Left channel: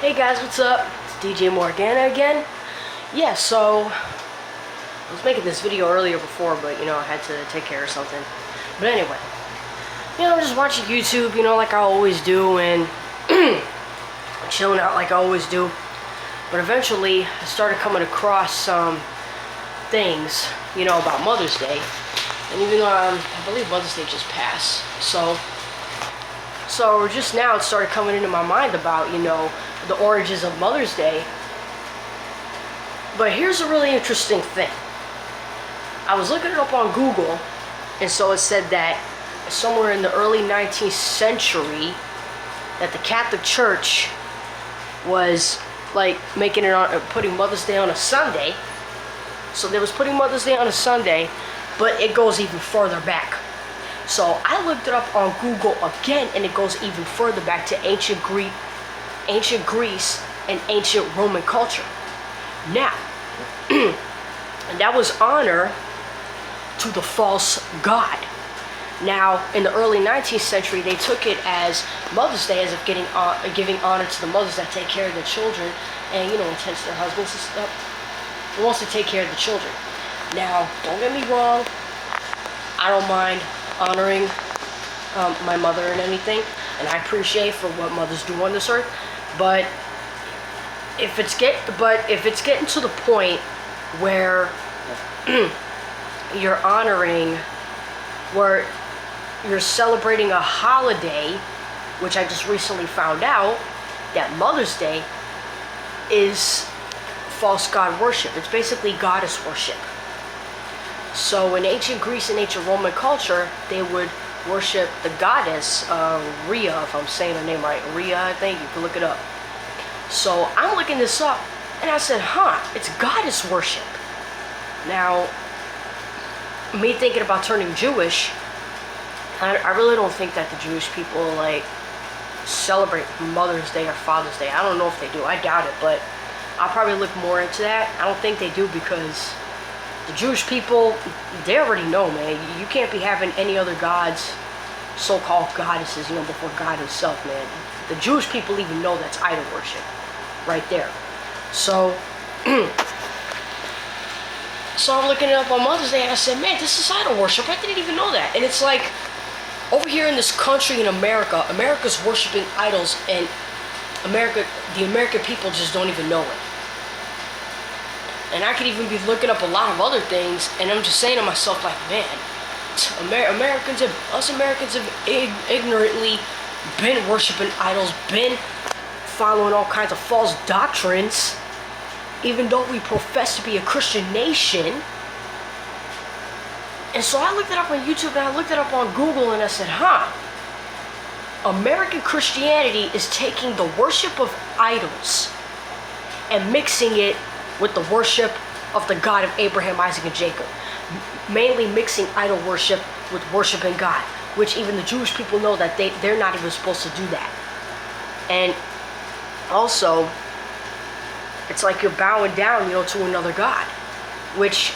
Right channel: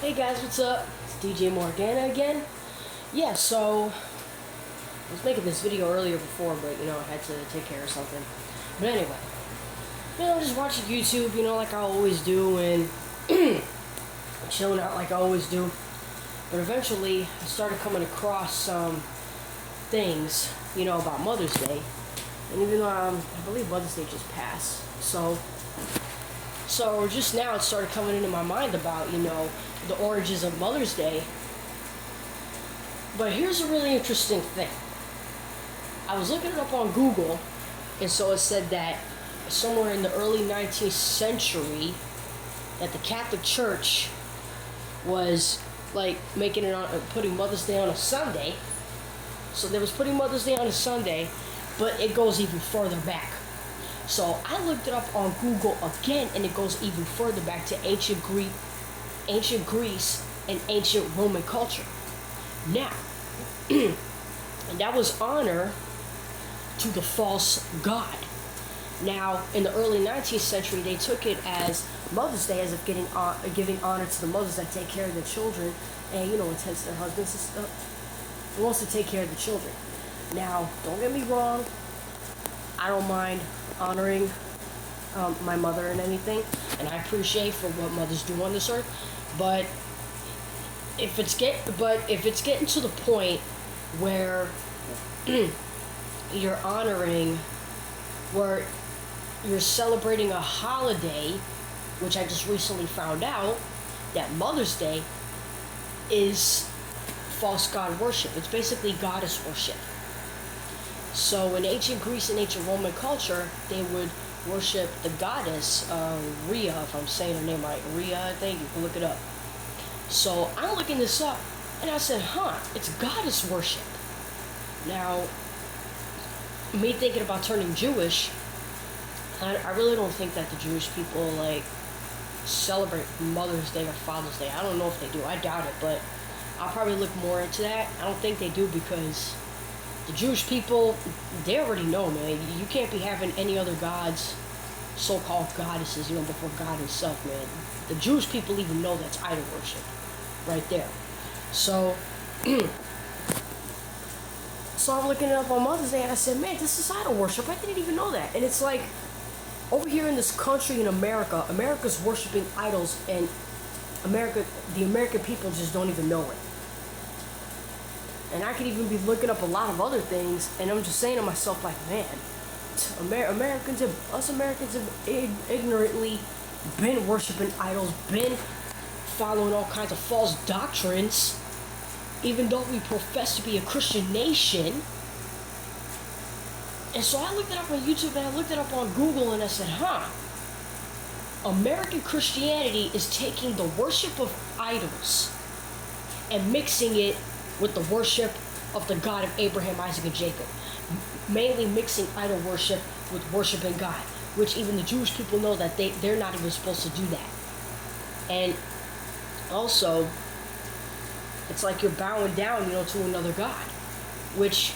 Hey guys, what's up? It's DJ Morgana again. Yeah, so I was making this video earlier before, but I had to take care of something. But anyway, just watching YouTube, like I always do, and chilling out like I always do. But eventually, I started coming across some things, about Mother's Day. And even though I believe Mother's Day just passed, so just now it started coming into my mind about, the origins of Mother's Day. But here's a really interesting thing. I was looking it up on Google, and so it said that somewhere in the early 19th century that the Catholic Church was like making it on, putting Mother's Day on a Sunday. So they was putting Mother's Day on a Sunday, but it goes even further back. So I looked it up on Google again, and it goes even further back to ancient Greece and ancient Roman culture. Now, and that was honor to the false god. Now, in the early 19th century, they took it as Mother's Day as of giving honor to the mothers that take care of their children and, intense their husbands and stuff. Who wants to take care of the children. Now, don't get me wrong, I don't mind honoring my mother and anything, and I appreciate for what mothers do on this earth. But if it's getting to the point where you're honoring, where you're celebrating a holiday, which I just recently found out that Mother's Day is false god worship. It's basically goddess worship. So in ancient Greece and ancient Roman culture, they would worship the goddess Rhea, if I'm saying her name right. Rhea, I think. You can look it up. So I'm looking this up, and I said, it's goddess worship. Now, me thinking about turning Jewish, I really don't think that the Jewish people celebrate Mother's Day or Father's Day. I don't know if they do. I doubt it, but I'll probably look more into that. I don't think they do, because the Jewish people, they already know, man. You can't be having any other gods, so-called goddesses, before God himself, man. The Jewish people even know that's idol worship right there. So, so I'm looking it up on Mother's Day, and I said, man, this is idol worship. I didn't even know that. And it's like, over here in this country in America, America's worshiping idols, and the American people just don't even know it. And I could even be looking up a lot of other things, and I'm just saying to myself, man, us Americans have ignorantly been worshiping idols, been following all kinds of false doctrines, even though we profess to be a Christian nation. And so I looked it up on YouTube, and I looked it up on Google, and I said, American Christianity is taking the worship of idols and mixing it with the worship of the God of Abraham, Isaac, and Jacob. Mainly mixing idol worship with worshiping God, which even the Jewish people know that they're not even supposed to do that. And also, it's like you're bowing down, to another God, which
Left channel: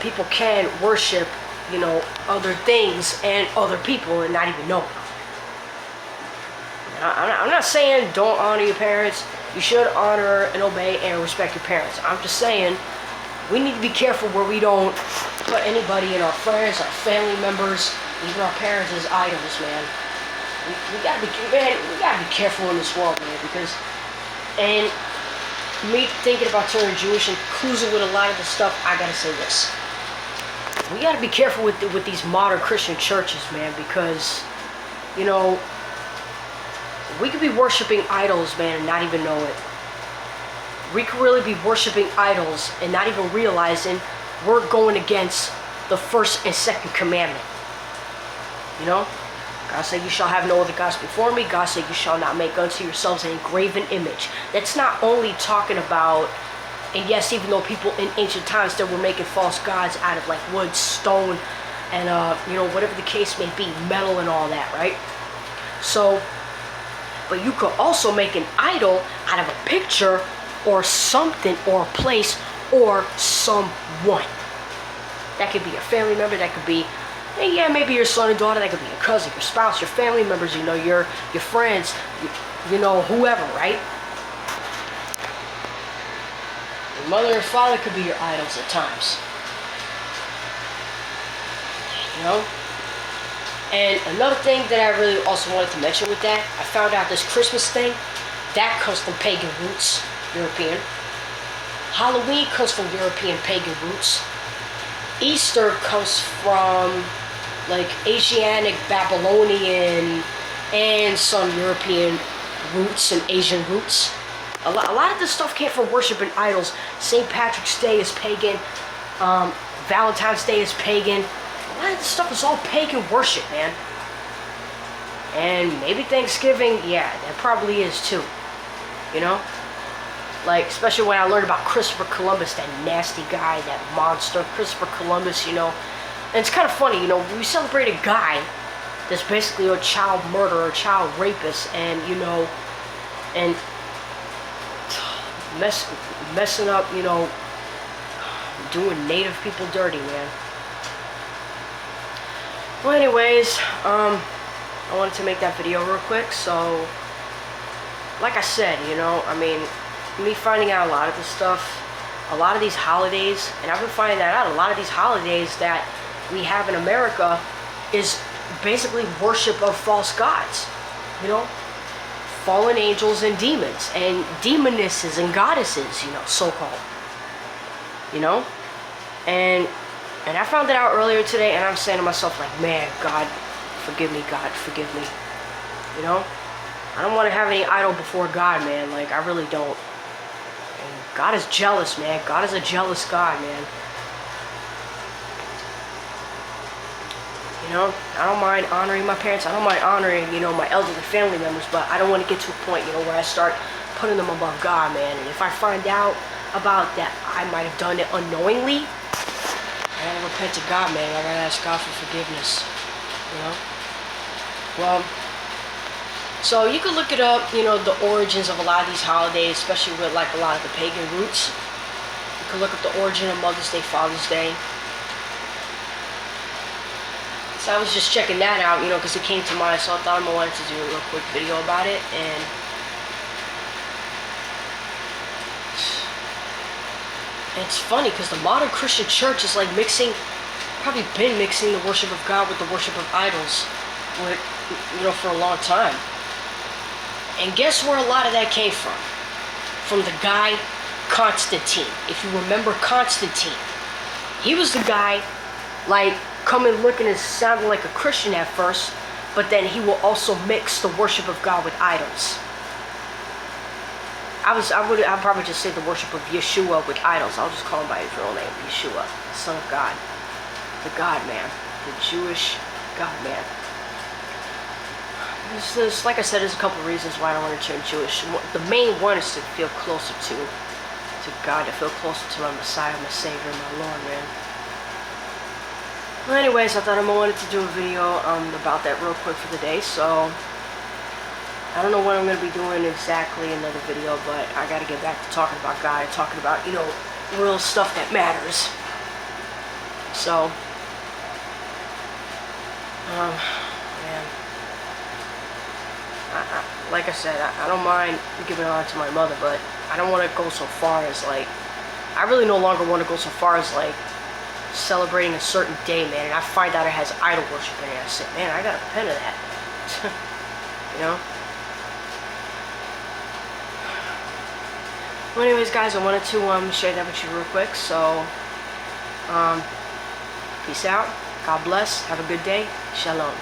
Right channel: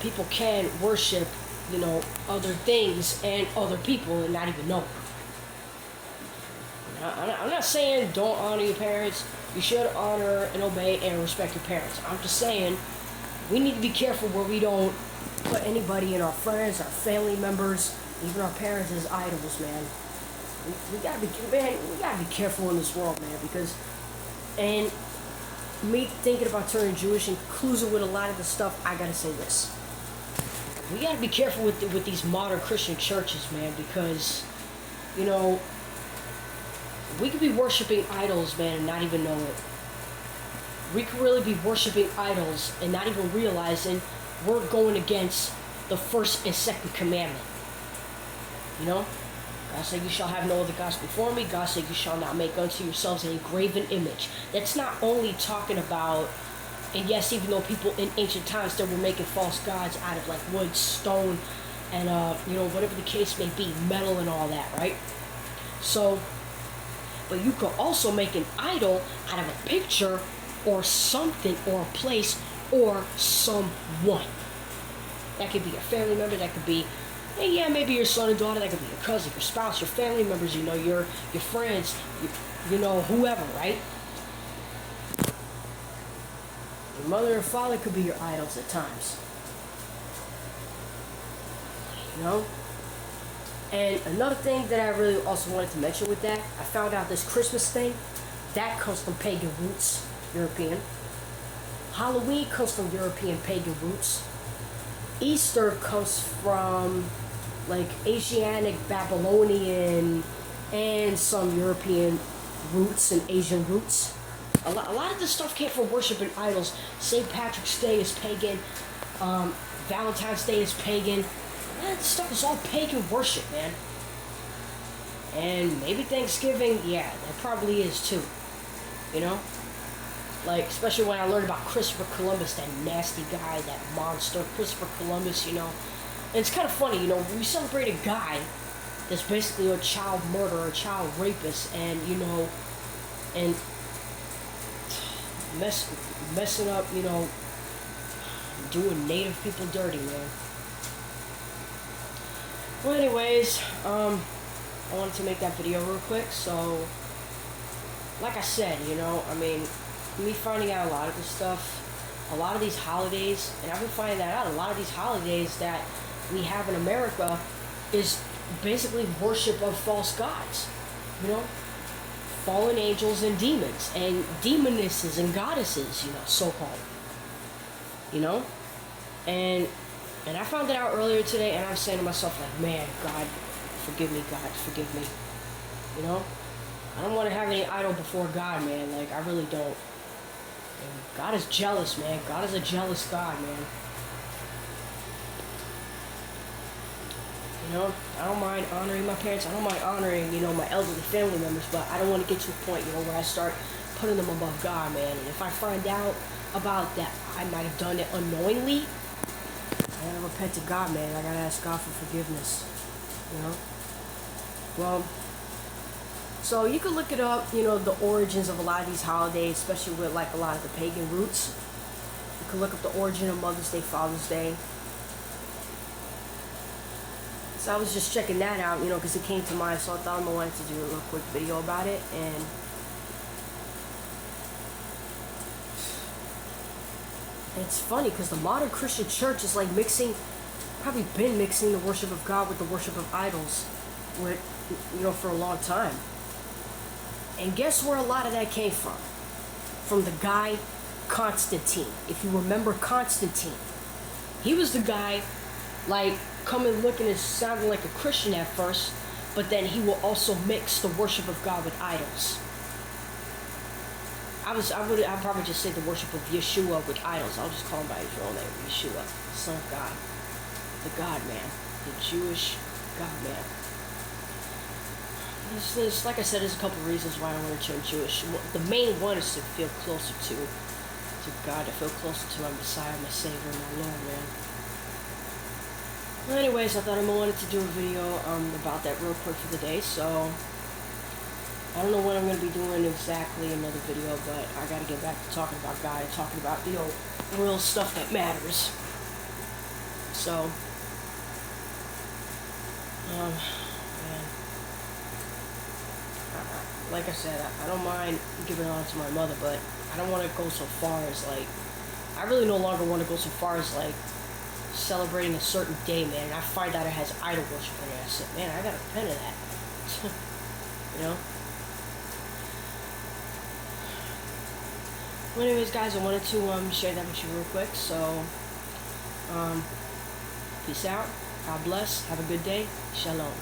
people can worship, other things and other people and not even know. I'm not saying don't honor your parents. You should honor and obey and respect your parents. I'm just saying we need to be careful where we don't put anybody in our friends, our family members, even our parents as idols, man. We gotta be careful in this world, man, because, and me thinking about turning Jewish and cruising with a lot of the stuff, I gotta say this. We gotta be careful with these modern Christian churches, man, because, we could be worshiping idols, man, and not even know it. We could really be worshiping idols and not even realizing we're going against the first and second commandment. God said, you shall have no other gods before me. God said, you shall not make unto yourselves an engraven image. That's not only talking about, and yes, even though people in ancient times, they were making false gods out of wood, stone, and whatever the case may be, metal and all that, right? So, but you could also make an idol out of a picture or something or a place or someone. That could be a family member, that could be And yeah, maybe your son or daughter, that could be your cousin, your spouse, your family members, you know, your friends, you know, whoever, right? Your mother and father could be your idols at times. You know? And another thing that I really also wanted to mention with that, I found out this Christmas thing, that comes from pagan roots, European. Halloween comes from European pagan roots. Easter comes from like Asiatic, Babylonian, and some European roots and Asian roots. A lot of this stuff came from worshiping idols. St. Patrick's Day is pagan. Valentine's Day is pagan. A lot of this stuff is all pagan worship, man. And maybe Thanksgiving, yeah, that probably is too. You know? Like, especially when I learned about Christopher Columbus, that nasty guy, that monster, Christopher Columbus, you know. And it's kind of funny, you know, we celebrate a guy that's basically a child murderer, a child rapist, and, you know, and messing up, you know, doing native people dirty, man. Well, anyways, I wanted to make that video real quick, so, like I said, you know, I mean, me finding out a lot of this stuff, a lot of these holidays, and I've been finding that out, a lot of these holidays that we have in America is basically worship of false gods, you know, fallen angels and demons, and demonesses and goddesses, you know, so-called, you know, and I found that out earlier today, and I'm saying to myself, like, man, God, forgive me, you know, I don't want to have any idol before God, man, like, I really don't. And God is jealous, man. God is a jealous God, man. You know, I don't mind honoring my parents. I don't mind honoring, you know, my elderly family members, but I don't want to get to a point, you know, where I start putting them above God, man. And if I find out about that I might have done it unknowingly, I gotta repent to God, man. I gotta ask God for forgiveness, you know? Well, so you can look it up, you know, the origins of a lot of these holidays, especially with like a lot of the pagan roots. You can look up the origin of Mother's Day, Father's Day. So I was just checking that out, you know, because it came to mind, so I thought I wanted to do a real quick video about it. And it's funny because the modern Christian church is like probably been mixing the worship of God with the worship of idols, with, you know, for a long time. And guess where a lot of that came from? From the guy Constantine. If you remember Constantine, he was the guy, like, coming looking and sounding like a Christian at first, but then he will also mix the worship of God with idols. I'd probably just say the worship of Yeshua with idols. I'll just call him by his real name, Yeshua, the Son of God, the God man, the Jewish God man. There's, like I said, there's a couple reasons why I want to turn Jewish. The main one is to feel closer to God, to feel closer to my Messiah, my Savior, my Lord, man. Well, anyways, I thought I wanted to do a video about that real quick for the day, so I don't know what I'm going to be doing exactly another video, but I got to get back to talking about God, talking about, you know, real stuff that matters. So, man. Like I said, I don't mind giving it on to my mother, but I don't want to go so far as, like, I really no longer want to go so far as, like, celebrating a certain day, man, and I find out it has idol worship in it. I said, man, I gotta repent of that. You know? Well, anyways, guys, I wanted to share that with you real quick, so, peace out, God bless, have a good day, shalom.